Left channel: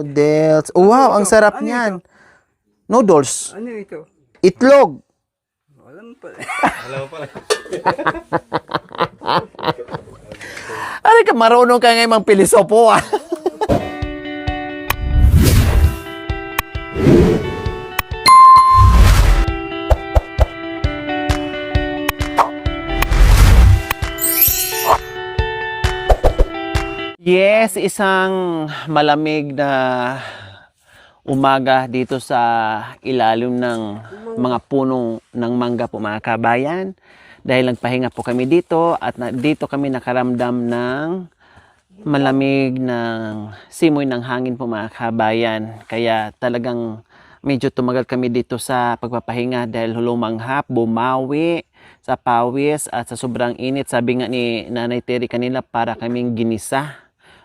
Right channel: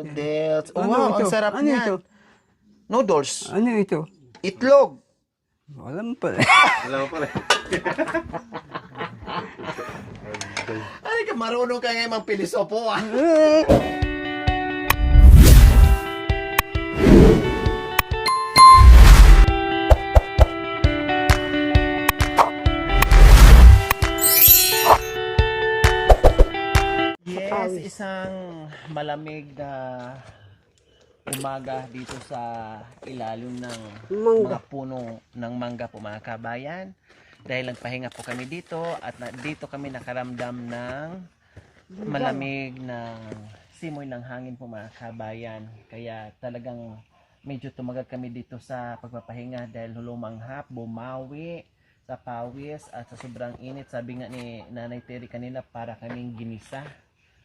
Noodles. Wow, ang sarap niyan. Noodles. Ano ito? Itlog. Alam pa. Ano ka, marunong ka ngayon mang pilisopo ah. Yes, isang malamig na umaga dito sa ilalim ng mga punong ng mangga po mga kabayan. Dahil nagpahinga po kami dito at dito kami nakaramdam ng malamig ng simoy ng hangin po mga kabayan. Kaya talagang medyo tumagal kami dito sa pagpapahinga dahil lumanghap, bumawi sa pawis at sa sobrang init. Sabi nga ni Nanay Terry kanila para kaming ginisa.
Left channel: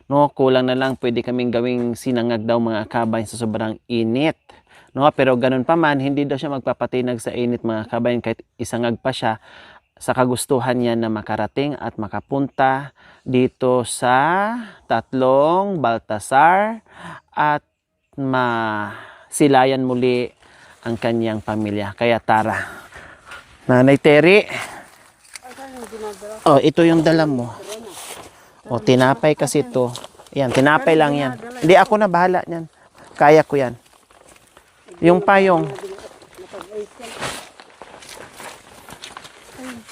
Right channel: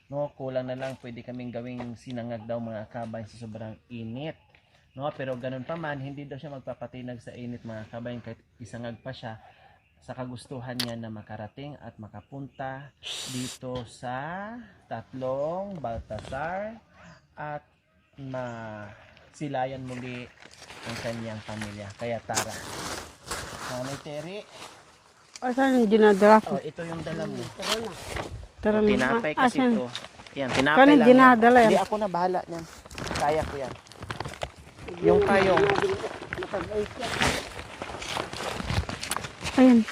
No, kulang na lang pwede kaming gawing sinangag daw mga kabayan sa sobrang init. No, pero ganun pa man, hindi daw siya magpapatinag sa init mga kabayan kahit isangag pa siya sa kagustuhan niya na makarating at makapunta dito sa tatlong Baltasar at masilayan muli ang kanyang pamilya. Kaya tara. Nanay Terry. Saan yung dinadala ko? Oh, ito yung dala mo. O, tinapay kasi to. Yan, tinapay lang yan. Hindi, ako na bahala niyan. Kaya ko yan. Yung payong. Ayun.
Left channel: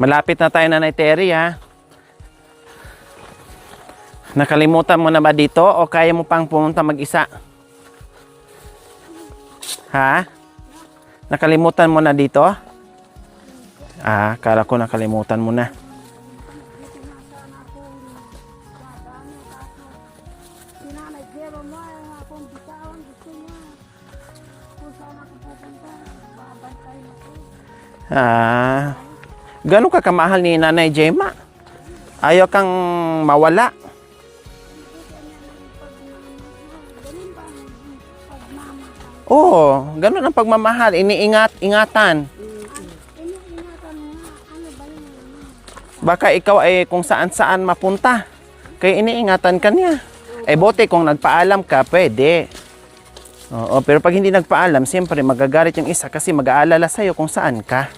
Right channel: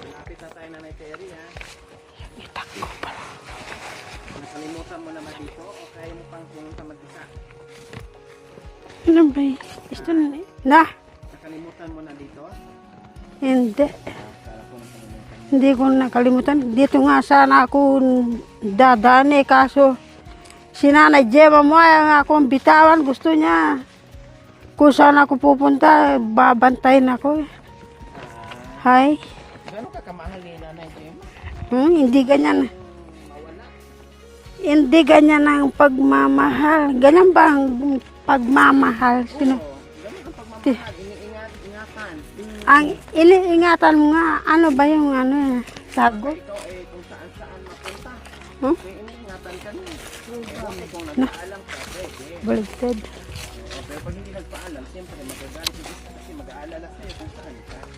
Malapit na tayo, Nanay Terry, ha? Nakalimutan mo na ba dito o kaya mo pang pumunta mag-isa? Ano ba yun? Ha? Na, Nakalimutan mo na dito? hindi. Ah, kala ko nakalimutan mo na. Hindi ko nakalimutan. Dito nga sana ako dadaan kaso si Nanay Gemma mo ay akong bitawan. Gusto niya kung saan ako pupunta, babantayin ako. Ah, Ay, gano'n ka kamahal ni Nanay Gemma? hindi Ayaw ganyan. kang mawala. Hindi ganyan ang pagmamahal. Ganyan ba ang pagmamahal? Oo, gano'n ang pagmamahal. Ingatan. Ang iniingatan mo nga, ano ba yung ano? Sabi, Baka ikaw ay kung saan-saan mapunta. Kaya iniingatan ka niya. Eh, bote kung nagpaalam ka, pwede. baliktad. Oo, pero pag hindi nagpaalam, siyempre magagalit yung isa kasi mag-aalala sa'yo kung saan ka.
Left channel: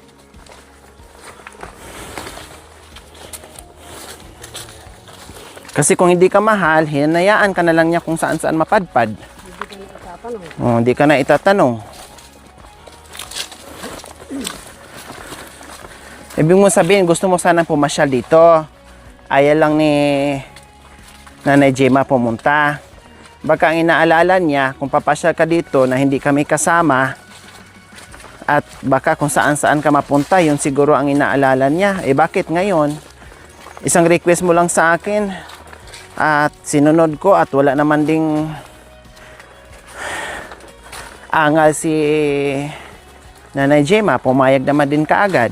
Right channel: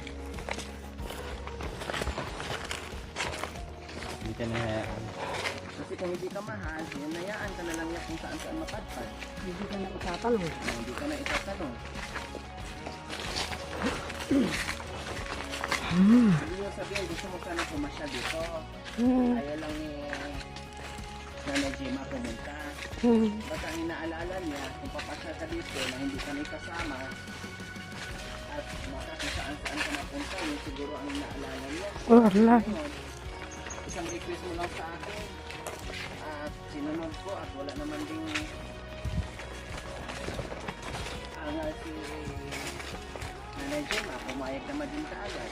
Kasi kung hindi ka mahal, hinayaan ka na lang niya kung saan-saan mapadpad. Oh, hindi ka na itatanong. Ibig mo sabihin, gusto mo sanang pumasyal dito. Ayaw lang ni Nanay Gemma pumunta. Baka ang inaalala niya, kung papasyal ka dito na hindi kami kasama, at baka kung saan-saan ka mapunta, yun siguro ang inaalala niya. Eh bakit ngayon? Isang request mo lang sa akin at sinunod ko at wala naman ding angal si Nanay Gemma, pumayag naman din kaagad.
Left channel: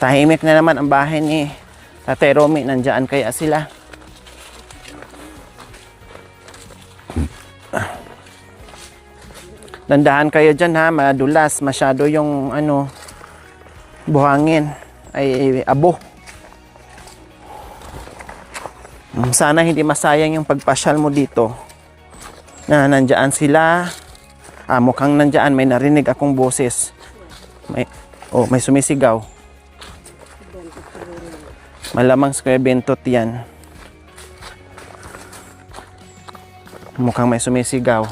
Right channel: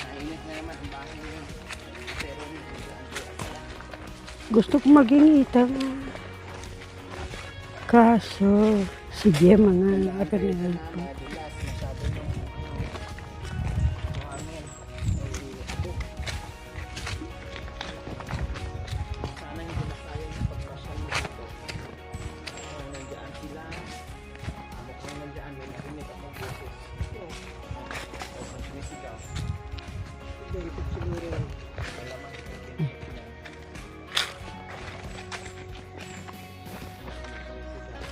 Tahimik na naman ang bahay ni Tatay Romy. Nandiyan kaya sila. Gusto ko mag-inita. Kaso, si Gemma na. Tandaan kayo dyan ha, madulas. Masyado yung buhangin. Ay abo. Sana hindi masayang yung pagpasyal mo dito. Na nandiyan sila. Mukhang nandiyan. May narinig akong boses. May sumisigaw. Malamang Square Bentot yan. Mukhang may sumisigaw.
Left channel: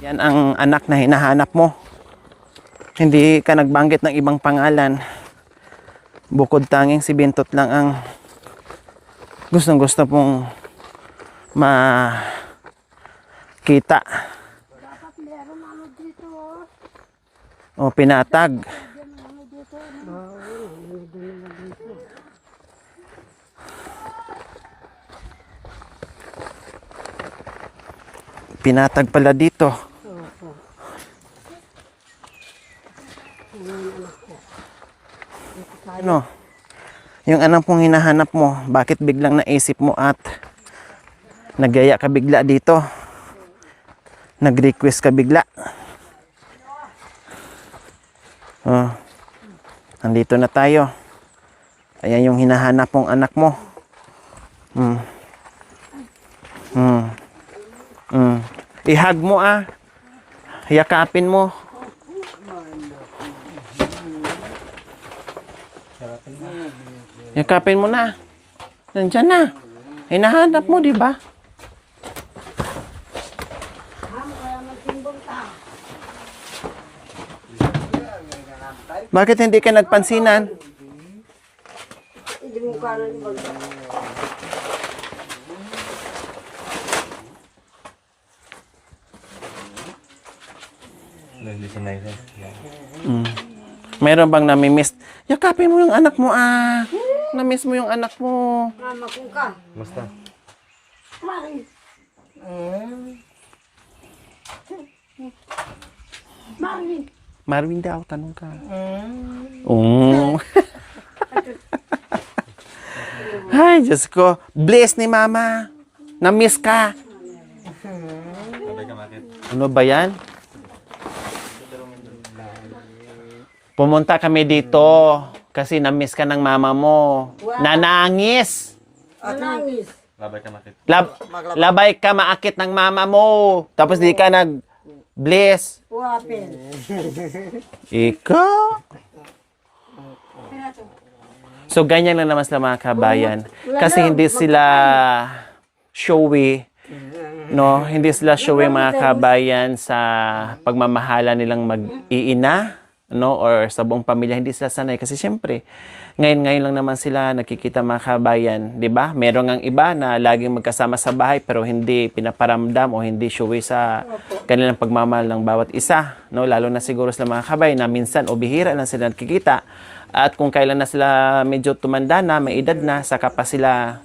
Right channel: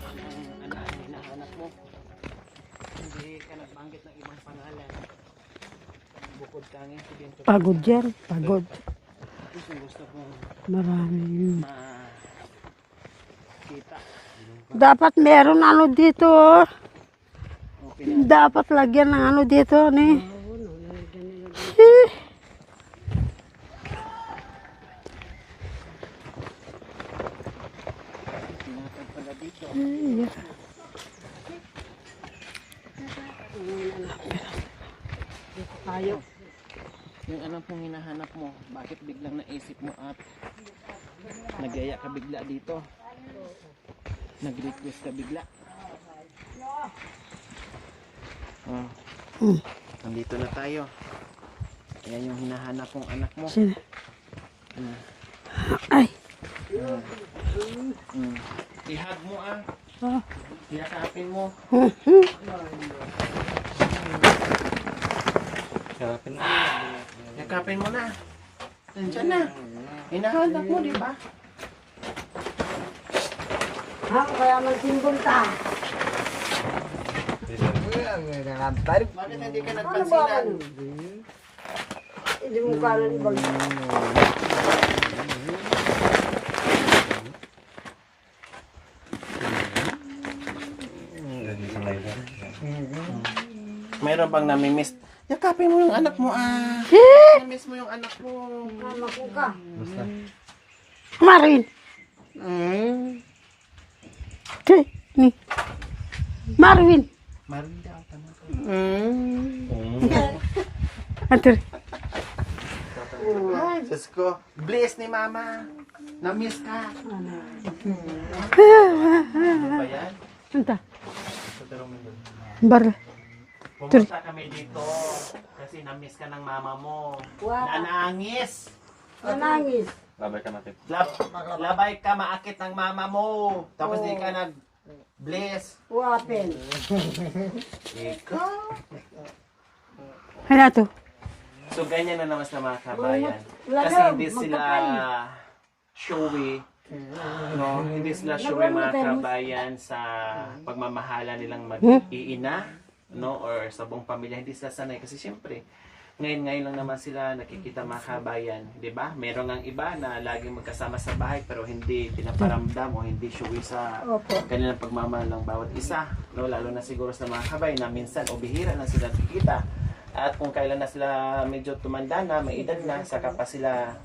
Yan ang anak na hinahanap mo. Hindi ka nagbanggit ng ibang pangalan. Bukod tanging si Bentot lang ang Pagod. gustong-gusto pong makita. Dapat meron ano dito. O pinatag. Dapat lagyan ng ano dito. Pinatag pala dito. Ano? Yung anong pong hinahanap mo, bakit biglang naisip mo at Nagyaya ka bigla dito. Nag-request ka bigla. Oh. Nandito na tayo. Ayan yung hinahanap mong anak mo. Ay. I-hug mo ah. Yakapin mo. Yakapin mo na. Nandyan na. Hinahanap mo, di ba? Kaya magsimbol ka. Bakit hindi ka nagpansinan? Hindi mo ka lang ibag. Meron bang namimiss? Yakapin mo yung anak mo ah. Namiss mo yung anak mo. Mama ko ka. Marin. Ni. Marvin. Marvin daw, tanong ka. Oh. Ater. Ay, Diyos ko. Bless ni Mama. Namiss ka. Ano ba yan? Anta. Bar. Pumunta kami dito kasi namiss ka ng mama mo. Nanangis. Anangis. Labay ka maakit ng mama mo. Tapos di ka nag-bless. Wapin. Ikaw. Kaya to. So, ganyan lang naman sila mga kabayan. Kasi hindi sila showy. No, hindi sila showy mga kabayan sa pagmamahala nilang mag-iina, no, or sa buong pamilya. Hindi sila sanay kasi syempre, ngayon lang naman sila nakikita mga kabayan, 'di ba? Meron ngang iba na laging magkasama sa bahay pero hindi pinaparamdam o hindi showy sa kanilang pagmamahal ng bawat isa, no? Lalo na siguro sa mga kabayan na minsan o bihira lang sila nakikita. At kung kailan na sila medyo tumanda na, may edad na, saka pa sila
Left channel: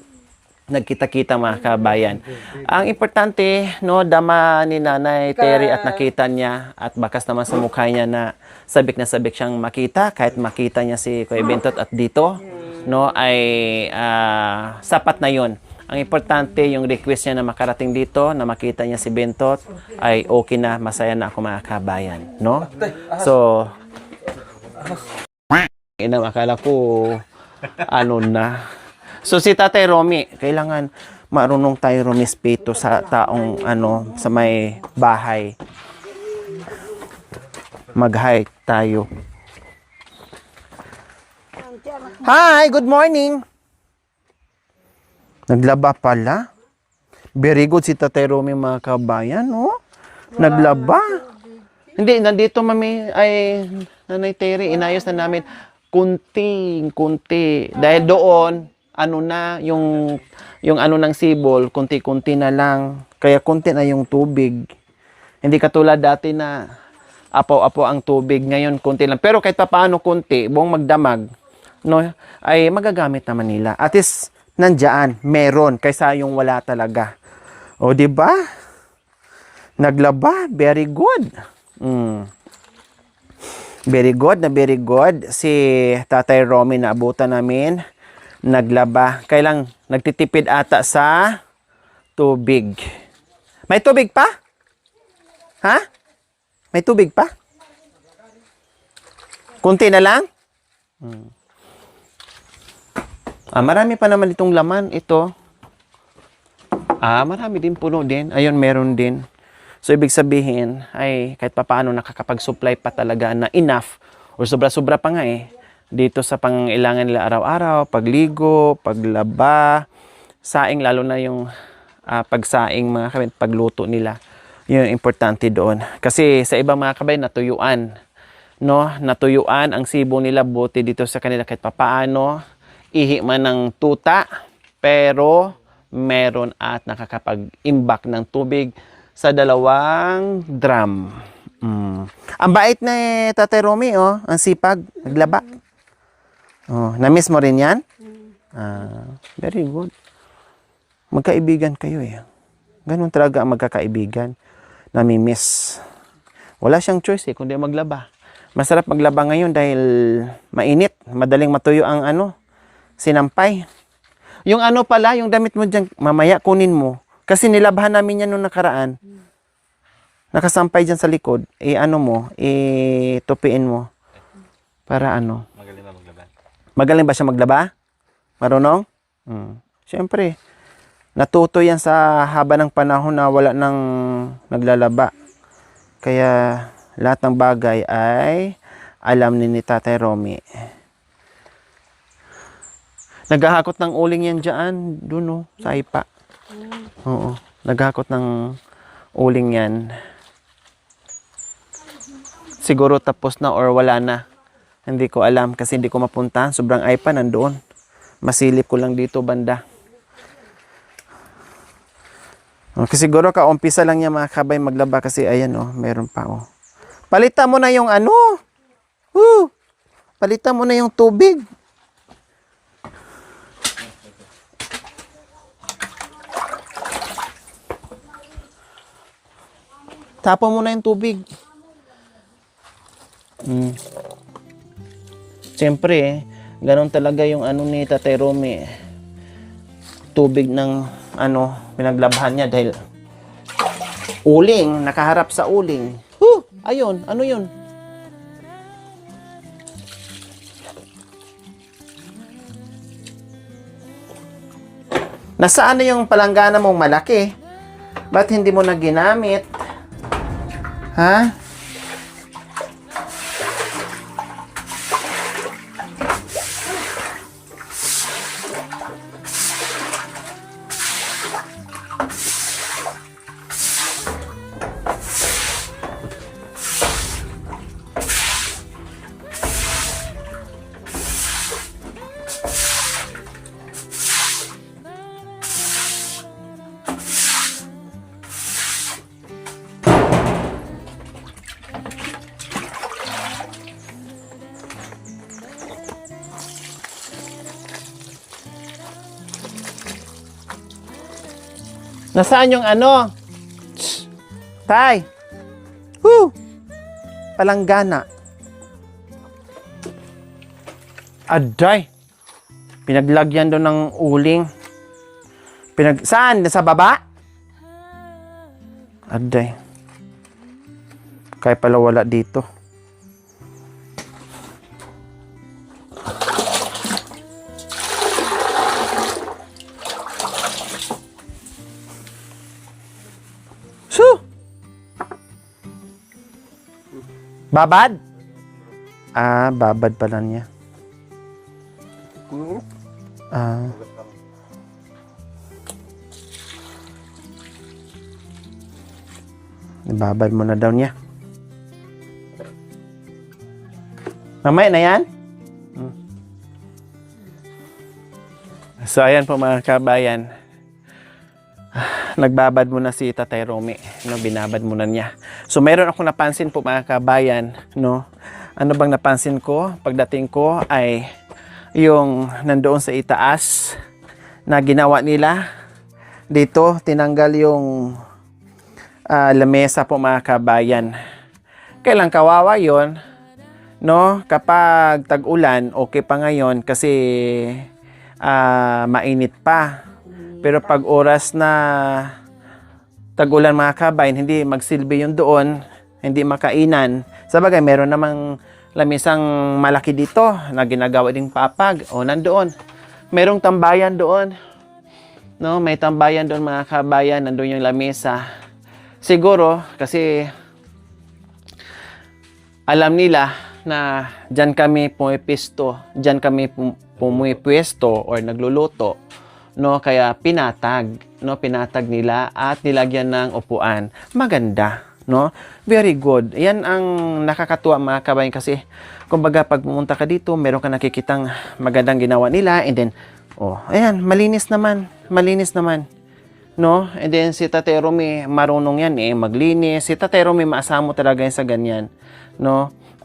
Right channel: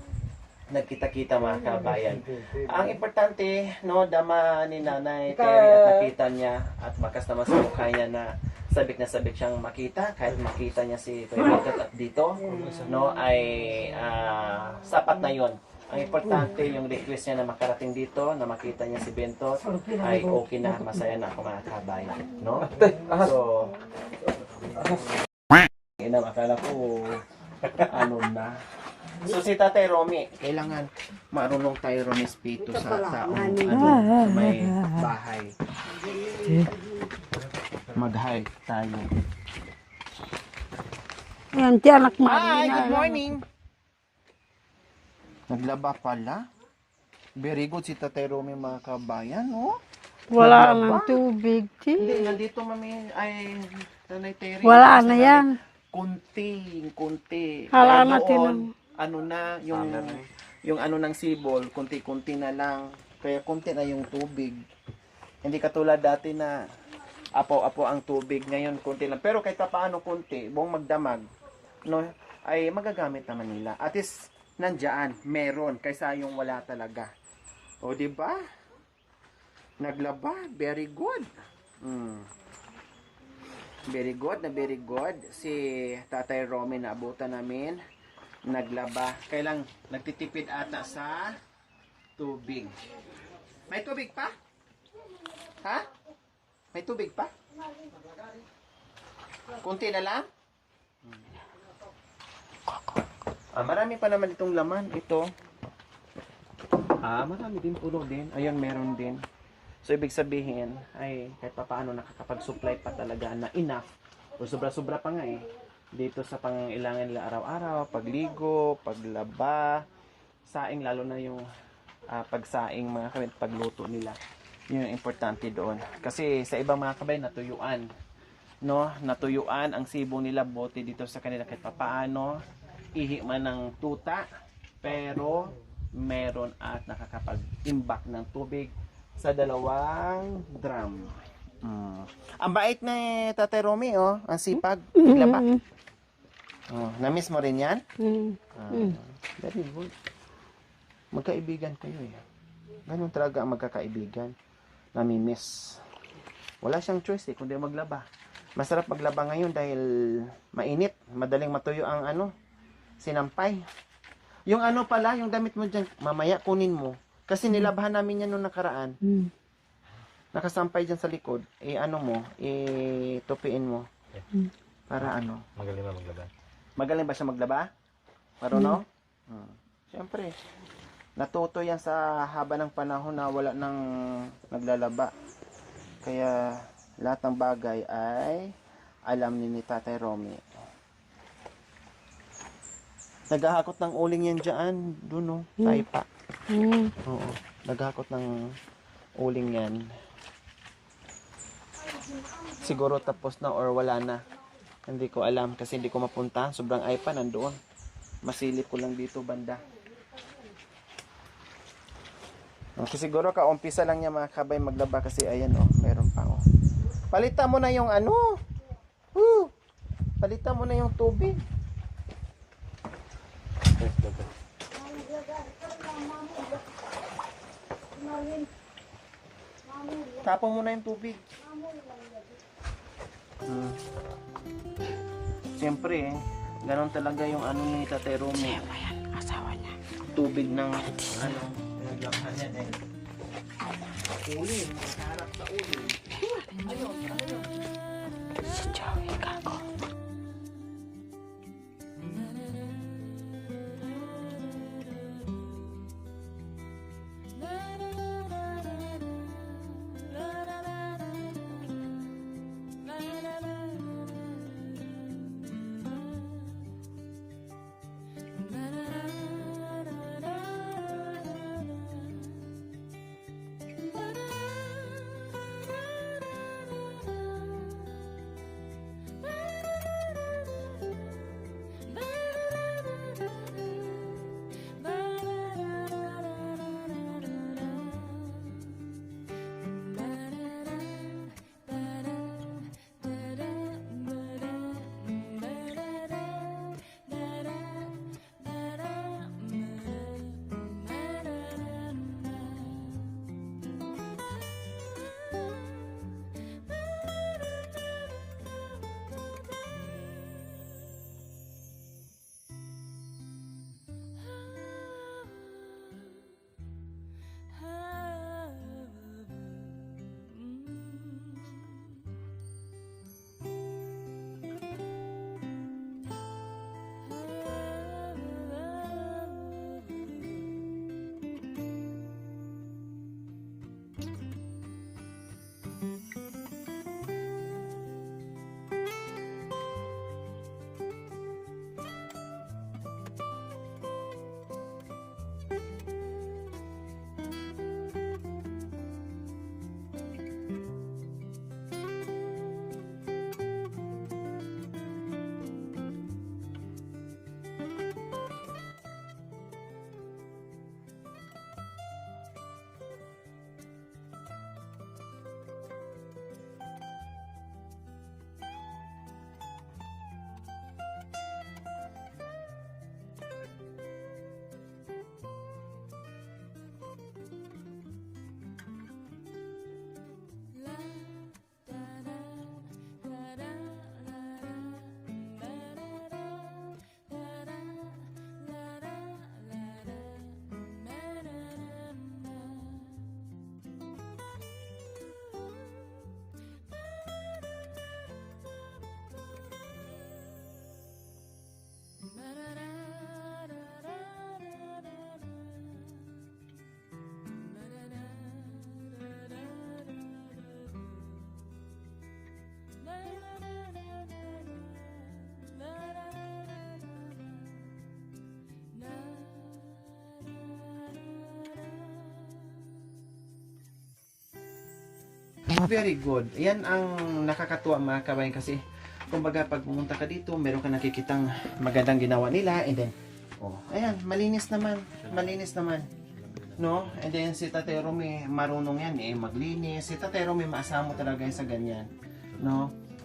nagkita-kita mga kabayan. Ang importante, no, dama ni Nanay Terry at nakita niya at bakas naman sa mukha niya na sabik siyang makita kahit makita niya si Kuya Bentot at dito, no, ay sapat na 'yon. Ang importante yung request niya na makarating dito, na makita niya si Bentot ay okay na, masaya na ako mga kabayan, no? So akala ko ano na. So si Tatay Romy, kailangan marunong tayo rumispeto sa taong sa may bahay. Mag-hi tayo. Ayan, tiyanak mo. Hi, good morning. Naglaba pala. Very good si Tatay Romy mga kabayan, oh. Naglaba. Tubig. Hindi, nandito mami ay Nanay Terry, Wala inayos na na namin. yan. Kunti. Dahil doon, yung ng sibol, kunti-kunti na lang. Kaya kunti na yung tubig. Hindi katulad dati na apo-apo ang tubig. Ngayon, kunti lang. Pero kahit paano kunti, buong magdamag, no, ay magagamit naman nila. At least, nandyan, meron, kaysa yung wala talaga. O, di ba? Naglaba, very good. Very good. Si Tatay Romy na abutan namin. Naglaba. Kailang nagtitipid ata sa tubig. May tubig pa? Ha? May tubig pa? Kunti na lang? Marami pa naman itong laman. Ito. Marami din, puno din. Ayun, meron din. So, ibig sabihin, ay kahit papaano nakakapag-supply pa talaga na enough o sobra-sobra pa nga dito sa pangailangan nila araw-araw, pagligo, paglaba, saing, lalo na yung pagsaing mga kabayan, pagluto nila. Yun yung importante doon. Kasi sa ibang mga kabayan, natuyuan. No? Natuyuan ang sibo nila, buti dito sa kanila kahit papaano, ihi man ng tuta, pero meron at nakakapag-imbak ng tubig sa 2 drum. Ang bait na Tatay Romy, oh. Ang sipag, naglaba. Oh, na-miss mo rin yan? Very good. Magkaibigan kayo Ganun talaga ang magkakaibigan. Nami-miss. Wala siyang choice kundi maglaba. Masarap maglaba ngayon dahil mainit. Madaling matuyo ang sinampay. Yung pala, yung damit mo dyan, mamaya kunin mo. Kasi nilabhan namin yan nung nakaraan. Hmm. Nakasampay dyan sa likod. Ano mo, tupiin mo. Para ano. Magaling ba siya maglaba? Marunong? Siyempre. Natuto yan sa haba ng panahon na wala nang naglalaba. Kaya lahat ng bagay ay alam ni Tatay Romy. Naghahakot ng uling yan dyan. Doon sa ipa. Oo. Naghahakot ng uling yan. Siguro tapos na or wala na. Hindi ko alam kasi hindi ko mapunta. Sobrang ipa nandoon. Masilip ko lang dito banda. Okay, siguro kaumpisa lang niya mga kabay maglaba kasi ayan meron pa Palitan mo na yung ano. Palitan mo na yung tubig. Tapon mo na yung tubig. Siyempre, ganun talaga yung ano ni Tatay Romy. Tubig ng pinaglabhan niya dahil uling, nakaharap sa uling. Ayun, ano yun? Nasaan na yung palanggana mong malaki? Ba't hindi mo na ginamit? Ha? Nasaan yung ano? Shh. Tay! Palanggana. Aday! Pinaglagyan doon ng uling. Saan? Sa baba? Aday. Kaya pala wala dito. Babad? Babad pala niya. Babad mo na daw niya. Mamaya na yan? So, ayan po mga kabayan. Nagbabad muna si Tatay Romy, binabad muna niya. So mayroon akong napansin po mga kabayan, Ano bang napansin ko? Pagdating ko ay yung nandoon sa itaas na ginawa nila. Dito tinanggal yung lamesa po mga kabayan. Kailang kawawa 'yon, Kapag tag-ulan, okay pa ngayon kasi mainit pa. Pero pag oras na tag-ulan mga kabayan, hindi magsilbi yung doon, hindi makainan. Sabagay, meron namang lamisang malaki dito na ginagawa ding papag. Nandoon. Merong tambayan doon. May tambayan doon mga kabayan, nandoon yung lamesa. Siguro, kasi alam nila na dyan kami pumipwesto, or nagluluto. Kaya pinatag nila at nilagyan ng upuan. Maganda, Very good. Yan ang nakakatuwa mga kabayan kasi kumbaga pag pumunta ka dito, meron ka nakikitang magandang ginawa nila and then ayan, malinis naman. And then si Tatay Romy marunong yan maglinis. Si Tatay Romy maasamo talaga yan sa ganyan,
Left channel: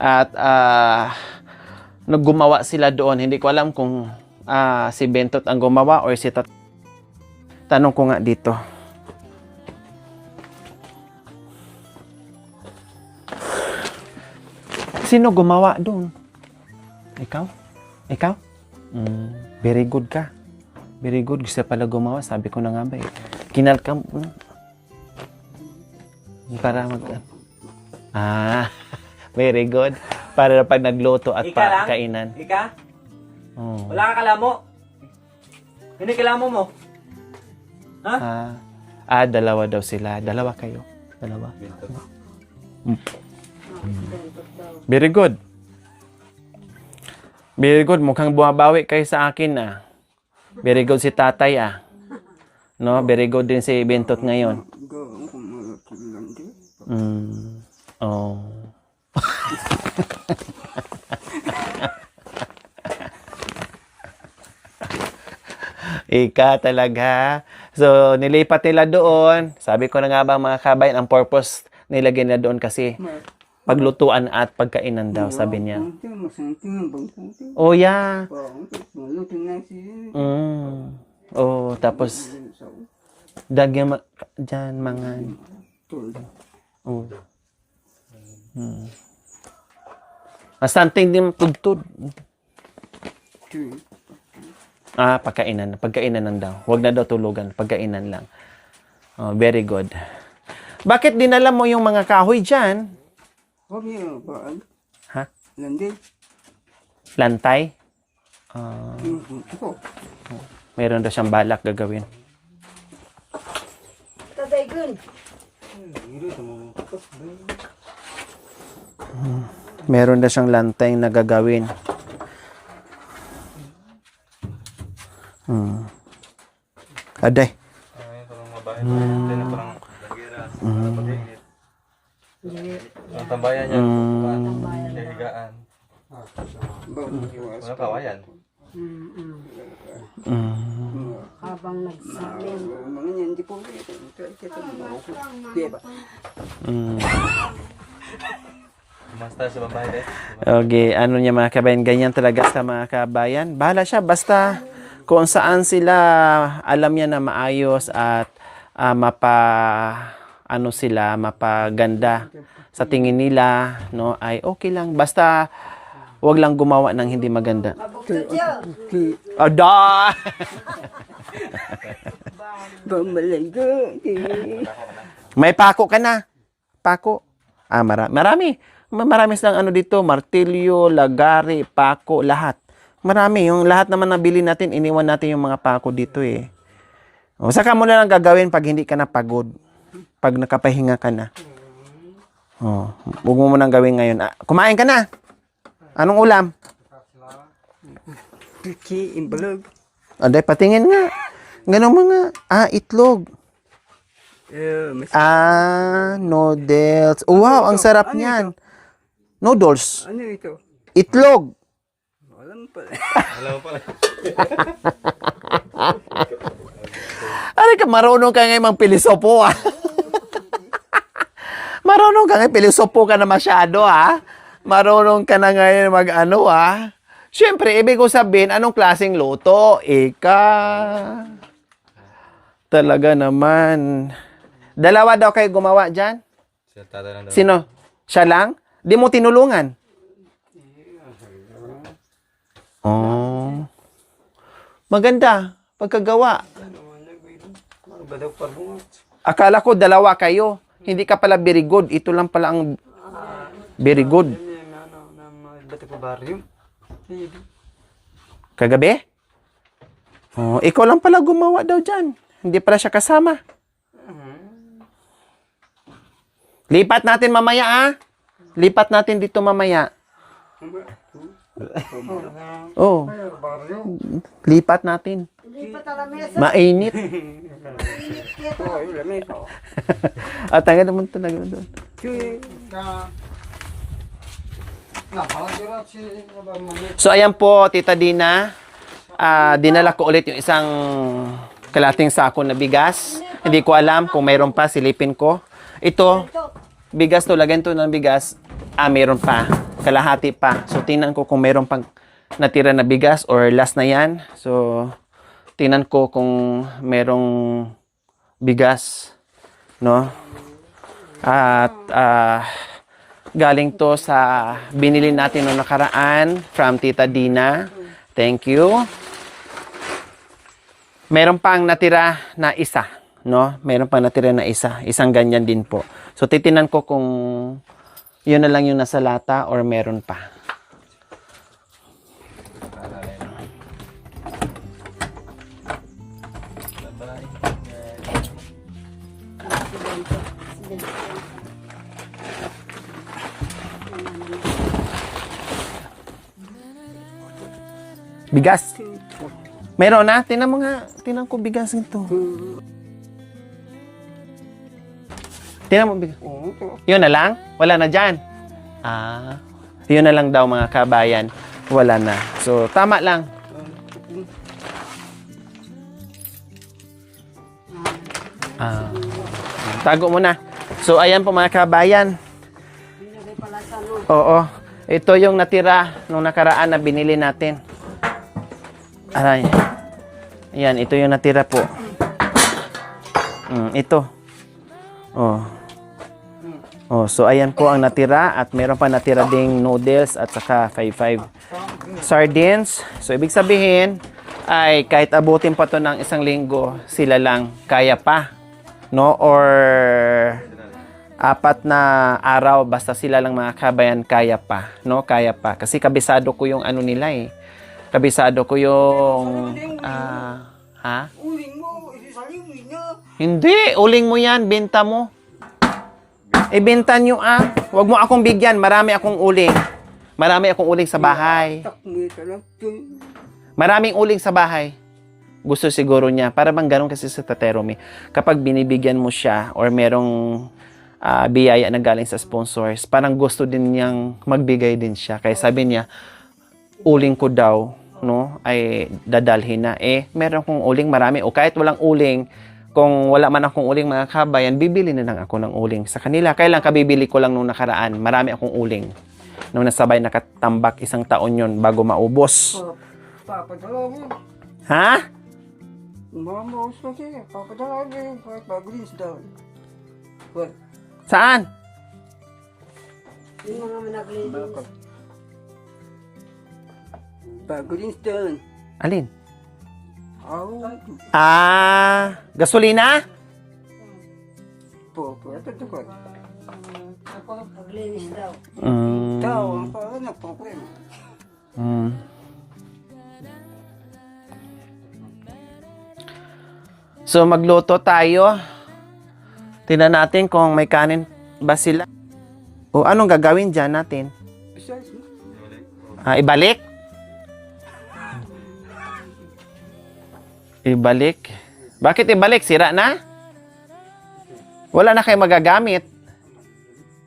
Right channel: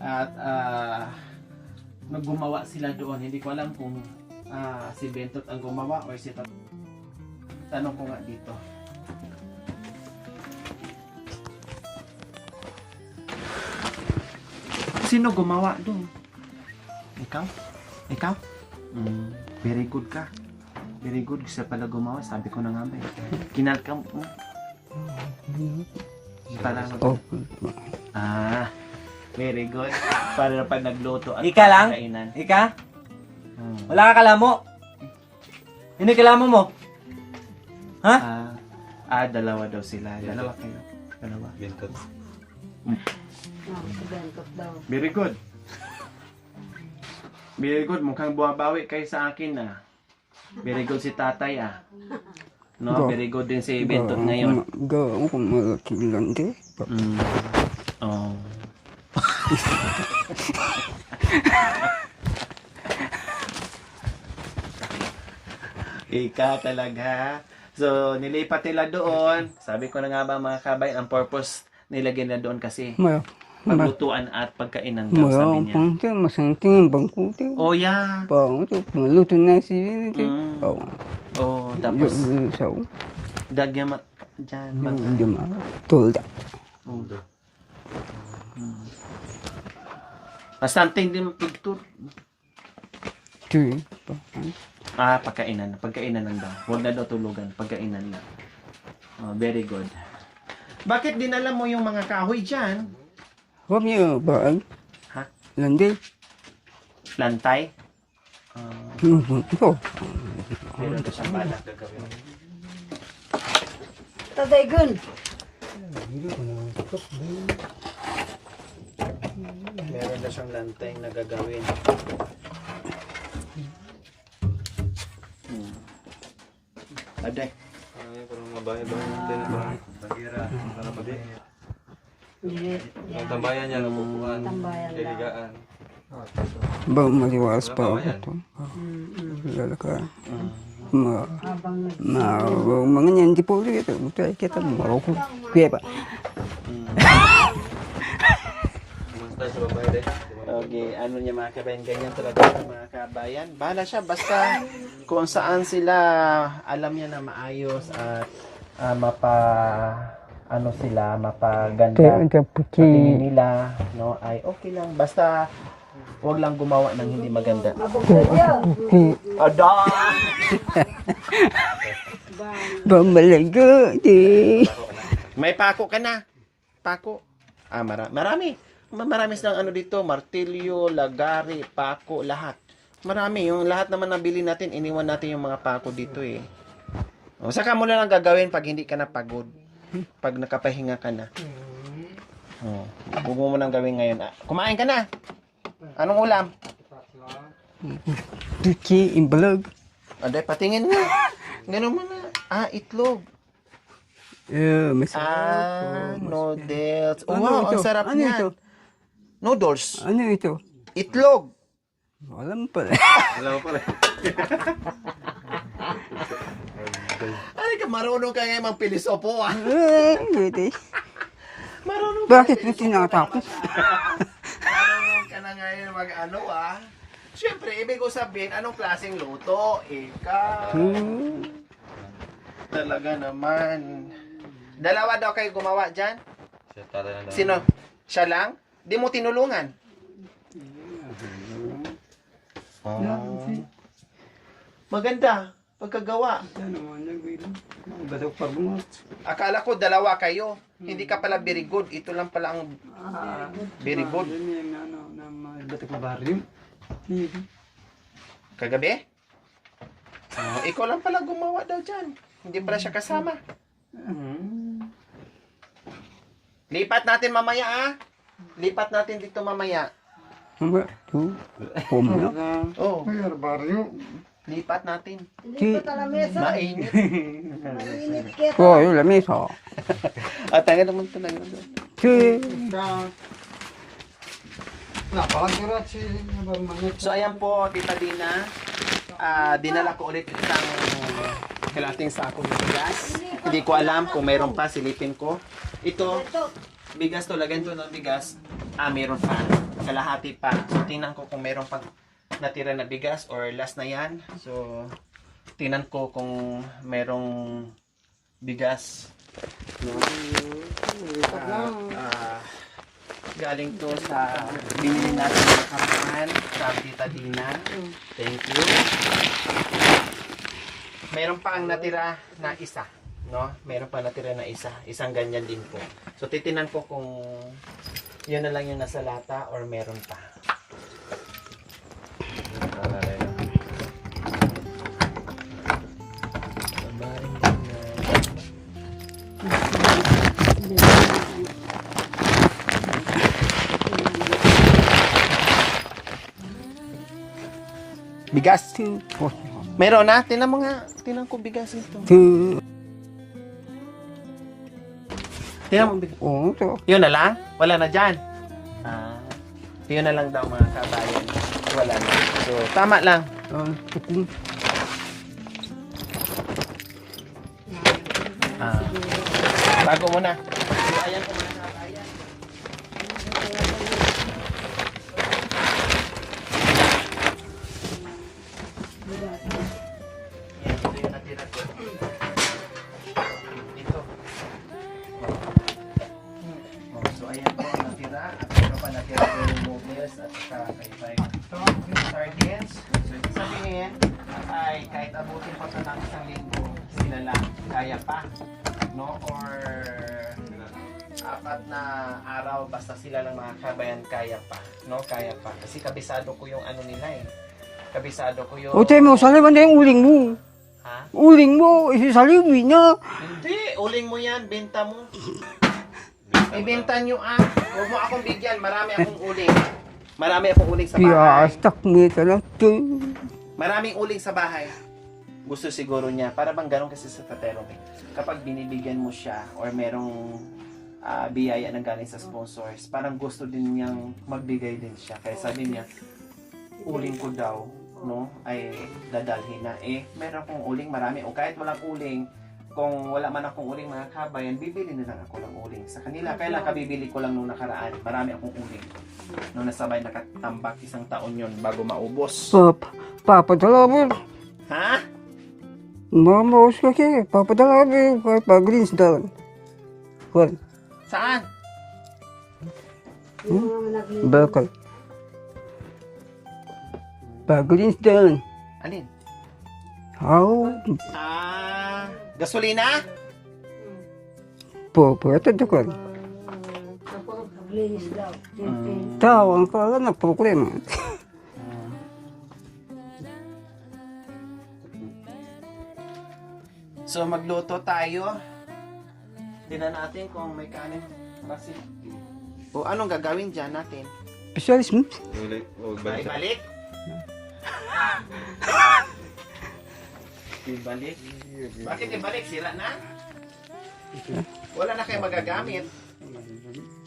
At naggumawa sila doon. Hindi ko alam kung si Bentot ang gumawa or si tanong ko nga dito. Sino gumawa doon? Ikaw? Very good ka. Very good. Gusto pala gumawa. Sabi ko na nga ba eh. Kinalkam. Para very good. Para pag nagluto at Ika lang? kainan. Ika? Oh. Wala ka kalamo? Ano yung kalamo mo? Ha? Dalawa daw sila. Dalawa kayo. Dalawa. Very good. Very good. Mukhang bumabawi kayo sa akin Very good si tatay No, very good din si Bentot ngayon. Gawa ko malakilan din. Oh. Ika talaga. So, nilipat nila doon. Sabi ko na nga ba mga kabayan, ang purpose nilagay nila doon kasi paglutuan at pagkainan daw, sabi niya. Masanting ang bangkuti. Oh, yeah. Maluto na si... Oh, tapos dagyan dyan mga... Tulda. Oh. Something din tugtod. Pagkainan. Pagkainan lang daw. Huwag na daw tulugan. Pagkainan lang. Oh, very good. Bakit dinala mo yung mga kahoy dyan? Huwag niyo ba? Ha? Landi. Lantay? Ito. Meron daw siyang balak gagawin. Tadaygun. Meron daw siyang lantay na gagawin. Aday. Tambayan niya. Higaan. Ba maliwas pa ito. Lalaka. Mga niyan di po ito. Ito kita Maroko. Kuya ba? Basta sa babae Okay, ano niya mga kabayan, ganyan talaga sa mga kabayan. Bahala siya, basta kung saan sila alam niya na maayos at mapaganda sa tingin nila, no, ay okay lang. Basta wag lang gumawa ng hindi maganda. Ada! Bambalago di. May pako ka na. Pako. Marami. Marami silang ano dito, martilyo, lagari, pako, lahat. Marami. Yung lahat naman nabili natin, iniwan natin yung mga pako dito eh. O, saka mo na lang gagawin pag hindi ka na pagod. Pag nakapahinga ka na. O, huwag mo nang gawin ngayon. Kumain ka na. Anong ulam? Tuki imbalag. Aday, patingin nga. Ganun mo nga. Itlog. Noodles. Wow, ang sarap niyan. Noodles. Ano ito? Itlog. Alam pa. Aray ka, marunong ka ngayon mang pilisopo Marunong ka ngayon, pilisopo ka na masyado Marunong ka na ngayon mag-ano Siyempre, ibig ko sabihin, anong klaseng luto? Talaga naman. Dalawa daw kayo gumawa dyan? Sino? Siya lang? Di mo tinulungan? Oh. Maganda. Pagkagawa. Akala ko dalawa kayo. Hindi ka pala very good. Ito lang pala ang very good. Kagabi? Oh, ikaw lang pala gumawa daw dyan. Hindi pala siya kasama. Lipat natin mamaya Lipat natin dito mamaya. Oh. Lipat natin. Mainit. Oh, yung lamesa. Taga naman ito. So, ayan po, Tita Dina. Dinala ko ulit yung isang kalating sako na bigas. Hindi ko alam kung mayroon pa, silipin ko. Ito, bigas to, lagyan to ng bigas. Mayroon pa. Kalahati pa. So, tingnan ko kung mayroon pang natira na bigas or last na yan. So, tingnan ko kung mayroong bigas. No? At, galing to sa binili natin ng nakaraan from Tita Dina. Thank you. Meron pang natira na isa, no? Meron pang natira na isa. Isang ganyan din po. So, titinan ko kung yun na lang yung nasa lata or meron pa. Bigas. Meron na. Tinan ko bigas nito. Tinan mo bigas. Oo, ito. Yun na lang? Wala na dyan? Yun na lang daw mga kabayan. Wala na. So, tama lang. Tago mo na. So, ayan po mga kabayan. Oo. Ito yung natira nung nakaraan na binili natin. Aray. Ayan, ito yung natira po. Ito. So ayan po ang natira at meron pa natira ding noodles at saka 5-5 sardines. So ibig sabihin ay kahit abutin pa to ng isang linggo, sila lang kaya pa, no? Or 4 na araw basta sila lang mga kabayan kaya pa, no? Kaya pa kasi kabisado ko yung ano nila eh. Kabisado ko yung Utoy mo, saliban na yung uling mo. Ha? Uling mo, isalibin na. Hindi, uling mo yan, benta mo. Ibenta nyo Huwag mo akong bigyan, marami akong uling. Marami akong uling sa bahay. Yastak mo talaga. Maraming uling sa bahay. Gusto siguro niya, para bang ganun kasi sa Tateromi. Kapag binibigyan mo siya or merong biyaya na galing sa sponsors, parang gusto din niyang magbigay din siya. Kaya sabi niya, uling ko daw, no, ay dadalhin na. Meron kong uling marami. O kahit walang uling, kung wala man akong uling mga kabayan, bibili na lang ako ng uling sa kanila. Kailan kabibili ko lang nung nakaraan, marami akong uling. Nung nasabay nakatambak 1 taon yon bago maubos. Papadala mo. Ha? Mamaos ka kaya. Papadala mo kahit pag-greens down. Saan? Bakal. Pag-greens down. Alin? Gasolina? Ito doon. Paglinis daw. Tawang ka lang na problema. So magluto tayo. Tingnan natin kung may kanin ba sila. O anong gagawin dyan natin? Specialist mo? Ibalik? Ibalik? Bakit ibalik? Sira na? Wala na kayo magagamit.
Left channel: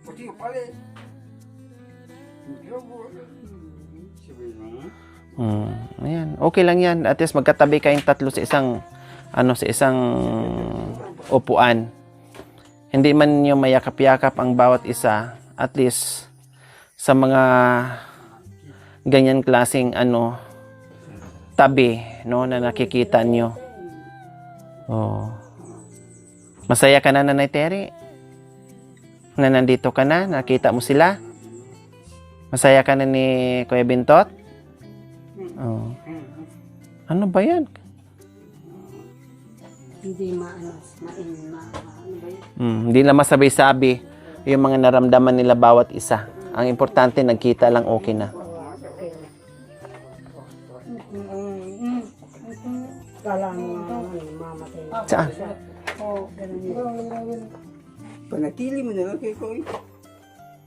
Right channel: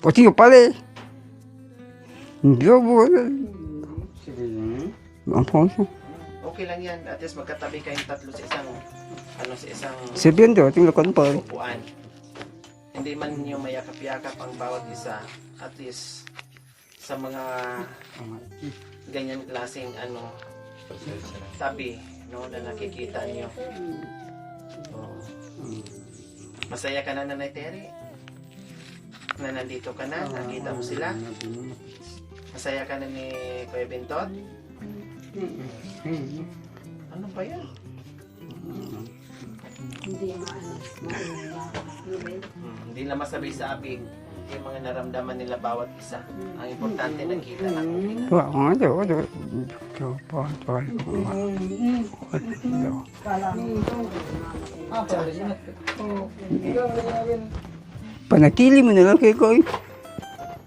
Pati yung pala eh. Hindi ako Ayan. Okay lang yan. At least magkatabi kayong tatlo sa isang Sabihan daw, tingnan pa. upuan. Hindi man yung mayakap-yakap ang bawat isa. At least sa mga ganyan klaseng tabi, no, na nakikita nyo. Masaya ka na, Nanay Terry? Na nandito ka na? Nakita mo sila? Masaya ka na ni Kuya Bintot? Ano ba yan? Hindi na masabi-sabi yung mga naramdaman nila bawat isa. Ang importante, nagkita lang, okay na. Saan? Panatili mo na lang kay Koy.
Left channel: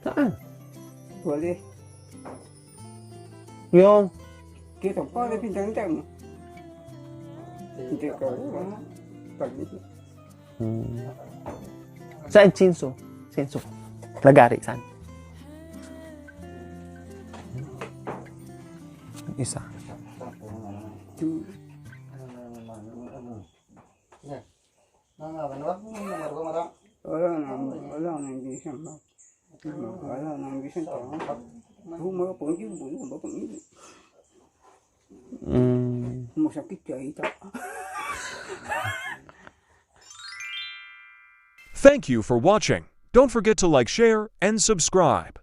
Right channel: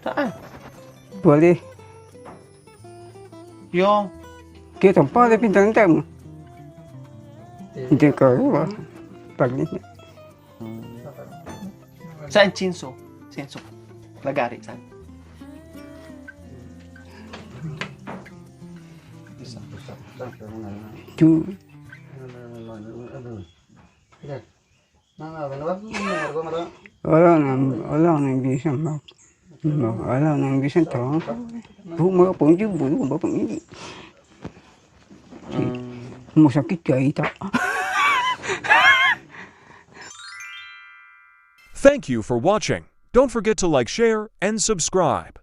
Saan? Bale. Yung Kita pala pintang mo. Hindi ka pag saan? Chinso? Lagari, saan? Isa. Wala nang bisan ba? Wala nang bisan to. Mga pangju bulo ba pang ini. Masakit ka ita. Thank you for watching. Don't forget to like, share, and subscribe.